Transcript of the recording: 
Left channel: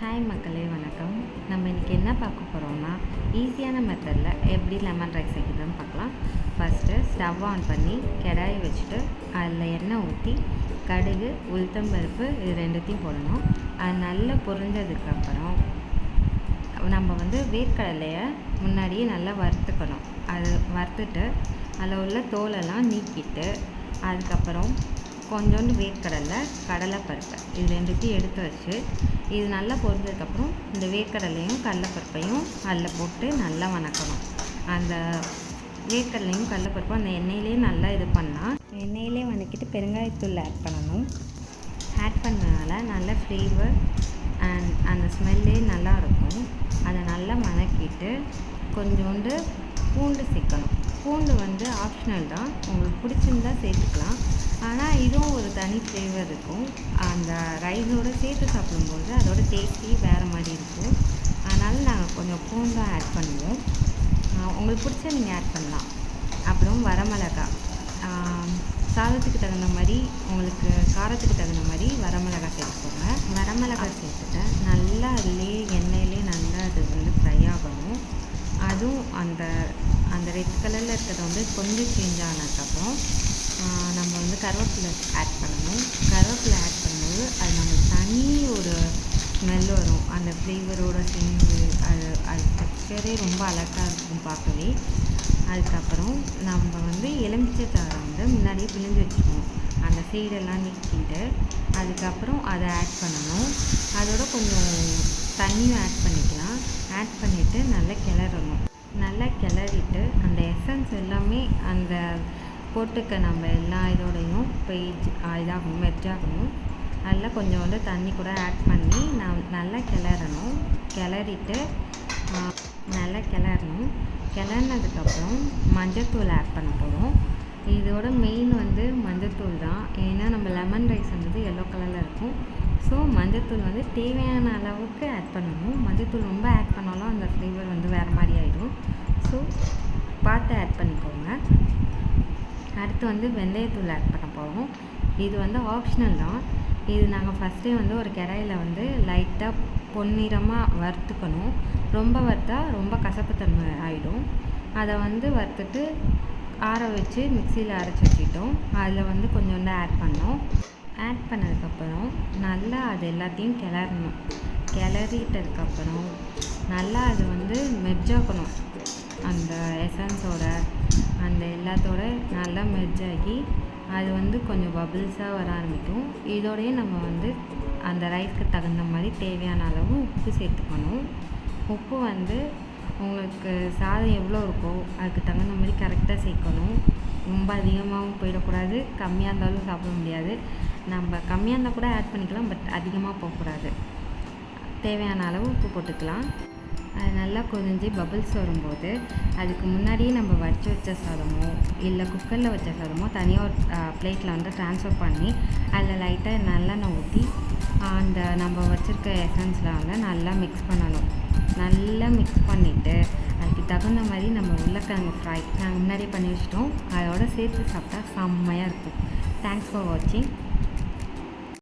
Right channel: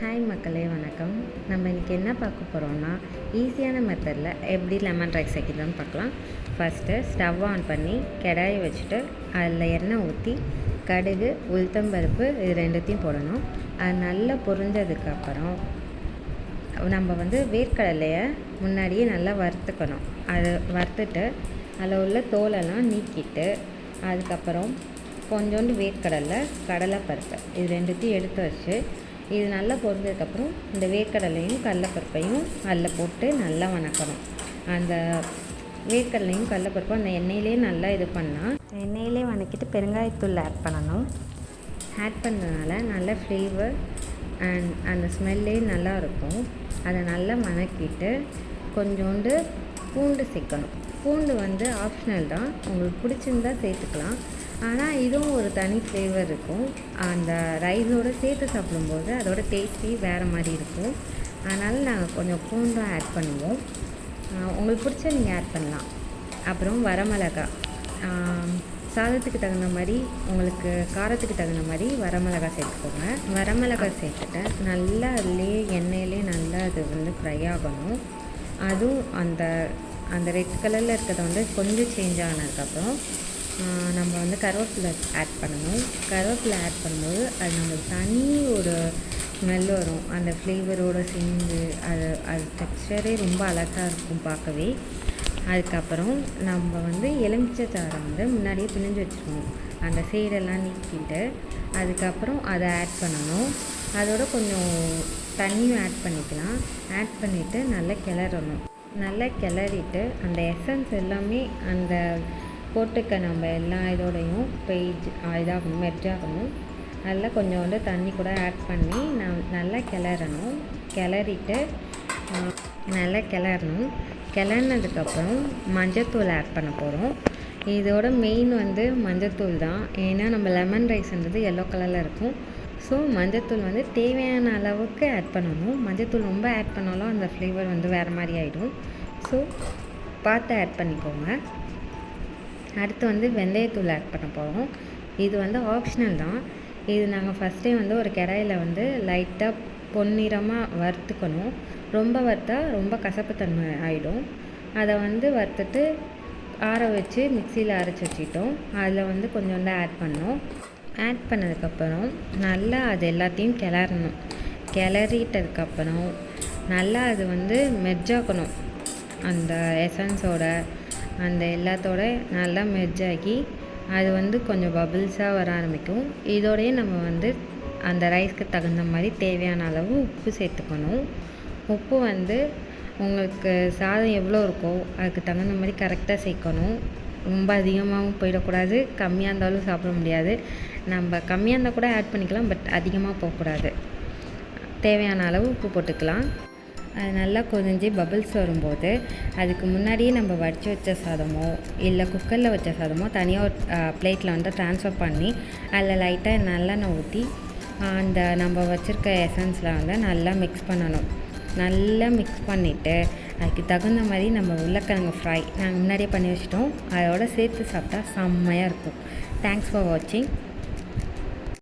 Hi மக்களே, வணக்கம். நம்ம இன்றைக்கி என்ன பார்க்க போகிறோம்னா, ஈஸியான மெத்தடில் எப்படி லெமன் ரைஸ் வைக்கிறதுன்னு பார்க்கலாம். ஃபஸ்ட்டு ஸ்டவ் ஆன் பண்ணி கடாயை வச்சுட்டு அதில் எண்ணெய் ஊற்றி கடுகு, உளுத்தம்பருப்பு இது ரெண்டுத்தையும் போடணும். அது நல்லா பொரிஞ்சதுக்கப்புறம் நம்ம வேர்க்கடலையை முன்னாடியே நல்லா வறுத்துக்கணும். அது வறுத்துட்டு அதில் உள்ள தோலெல்லாம் நீக்கிட்டு அதுக்கப்புறம் கொஞ்சோண்டு வேர்க்கடலை, கடலைப்பருப்பு இது ரெண்டுத்தையும் எடுத்து வச்சு இது நல்லா பொரிஞ்சதுக்கப்புறம் இந்த வேர்க்கடலையும் கடலைப்பருப்பையும் அதில் போட்டு நல்லா வணக்கணும். அந்த வேர்க்கடலையும் கடலைப்பருப்பும் அந்த எண்ணெயிலே நல்லா இது பண்ணால் எண்ணெயிலே வணக்கிட்டு பெருங்காயத்தூள் ஆட் பண்ணணும். ஆட் பண்ணனால நல்ல ஃப்ளேவர் அண்ட் அந்த ஸ்மெல்லே நல்லா இருக்கும். அதை நல்லா வணக்கிட்டு கொஞ்சோண்டு பூண்டு சேர்க்கணும். பூண்டு ஆப்ஷனல் தான், உங்களுக்கு பிடிச்சிருந்தா சேர்த்துக்கலாம். ஆனால் இதுவும் ஒரு தனி ஃப்ளேவர் இருக்கும். அந்த ரைஸோடு சேர்த்து சாப்பிடும்போது அதோட டேஸ்ட்டே வேறு மாதிரி இருக்கும். அதனால் நாங்கள் கொஞ்சம் பூண்டும் ஆட் பண்ணுவோம். உங்களுக்கு பிடிச்ச நீங்கள் ஆட் பண்ணலாம். அப்புறம் வரமிளகா, சாதத்துக்கு தகுந்த மாதிரி, உங்களுக்கு காரத்துக்கு தகுந்த மாதிரி வரமிளகா சேர்த்துக்கோங்க. வரமிளகா சேர்த்துட்டு நல்லா அதுலேயே எண்ணெயிலே நல்லா அது ஃப்ரை ஆகணும். அதுவும் அந்த ரெட் கலரில் இருக்கிறத கொஞ்சம் சேஞ்ச் ஆனதுக்கப்புறம் நம்ம கருவேப்பிலை ஆட் பண்ணணும். கருவேப்பிலை ஆட் பண்ணும்போது அது நம்மளுக்கு தனி ஒரு ஸ்மெல் வரும். அந்த ஃப்ளேவரோடு சேர்ந்து அது டெக்ஸ்சரே ரொம்ப அழகாக இருக்கும் பார்க்கவே. அதுக்கப்புறம் நம்ம எலுமிச்சை சாறை முன்னாடியே பிழிஞ்சு வச்சுருவோம். அந்த சைடெல்லாம் நீக்கிட்டு அதுக்கப்புறம் அதை ஆட் பண்ணணும். அதோட கொஞ்சம் தண்ணியும் ஆட் பண்ணிக்கலாம். ஆட் பண்ணிவிட்டு நல்லா கிளறணும். நல்லா கிளறிட்டு அந்த எசன்ஸ் எல்லாமே அந்த போட்டுக்க நம்ம எல்லா இதோடையும் இதாகணும், மெர்ஜ் ஆகணும். அதில் கொஞ்சோண்டு தண்ணி கூட ஆட் பண்ணி நல்லா கிளறணும். நல்லா கிளறினதுக்கப்புறம் மஞ்சத்தூள் ஆட் பண்ண போகிறோம். இதோட மெயின் மஞ்சத்தூள் தான். ஏன்னா நம்ம லெமன் ரைஸ்ன்றது எல்லோ கலரில் இருக்கும். ஸோ மஞ்சத்தூள் தேவையான அளவுக்கு ஆட் பண்ணணும். மஞ்சத்தூள் ரொம்ப ஆட் பண்ணாலும் அந்த ஃப்ளேவர் வேறு மாதிரி ஆகிடும். ஸோ பார்த்து ஆட் பண்ணிக்கோங்க. அடுத்து வெந்தயத்தூள் ஆட் பண்ண போகிறோம். இது ஆப்ஷனல் தான். இது நாங்கள் ஃபஸ்ட்டே ஒரு கடாயில் லைட்டாக பொன்னிறமாக வறுத்துக்கணும். ரொம்ப வறுத்தா ரொம்ப கசப்புத்தன்மை ஆகிடும். அதை வறுத்துட்டு ஆற வச்சு மிக்சியில் அரைச்சி வச்சுக்கிட்டோம். அதில் கொஞ்சோண்டு ஆட் பண்ணோம். ஆட் பண்ணதுக்கப்புறம் நல்லா அது எல்லாத்தையும் கிளறணும். கிளறிட்டதுக்கப்புறம் நல்லா அது மெர்ஜ் ஆக்கணும். அந்த எசன்ஸோட அந்த எல்லாத்தோட நல்லா மெர்ஜ் ஆகி அது கொஞ்சம் பபிள்ஸாக வர ஆரம்பிக்கும். இதோடையே நம்ம அந்த ரைஸ்க்கு தகுந்த மாதிரி தேவையான அளவு உப்பு சேர்த்துக்கணும். உப்பு உங்களுக்கு சாதம் எவ்வளோ இருக்கோ அதுக்கு தகுந்த மாதிரி கரெக்டாக சேர்க்கணும். ரொம்ப அதிகமாகவும் போயிடக்கூடாது, கம்மியாக இருந்தாலும் சாப்பிட முடியாது. நம்ம கம்மியாக இருந்தால் கூட ஆட் பண்ணிக்கலாம், பட் அதிகமாக போகக்கூடாது. தேவையான அளவு உப்பு போட்டுக்கலாம். அது நல்லா கொதிஞ்சு பபிள்ஸ் வரும்போது அதுக்கு முன்னாடியே நம்ம வடித்து வச்ச சாதமோ இல்லை குக்கரில் வச்ச சாதமோ தனியாக பிளேட்டில் ட்ரான்ஸ்ஃபர் பண்ணி அதில் லைட்டாக நல்லெண்ணெய் ஊற்றி அந்த நம்ம வச்சுருக்க எசன்ஸில் நல்லா மிக்ஸ் பண்ணணும். நல்லா மிக்ஸ் பண்ணிவிட்டு அதுக்கு தகுந்த மாதிரி நம்ம உருளைக்கிழங்கு ஃப்ரை நாங்கள் முன்னாடியே பண்ணி வச்சிட்டோம். அதோட சேர்த்து சாப்பிட்டா செம்மையாக இருக்கும். தேங்க்ஸ் ஃபார் வாட்சிங்.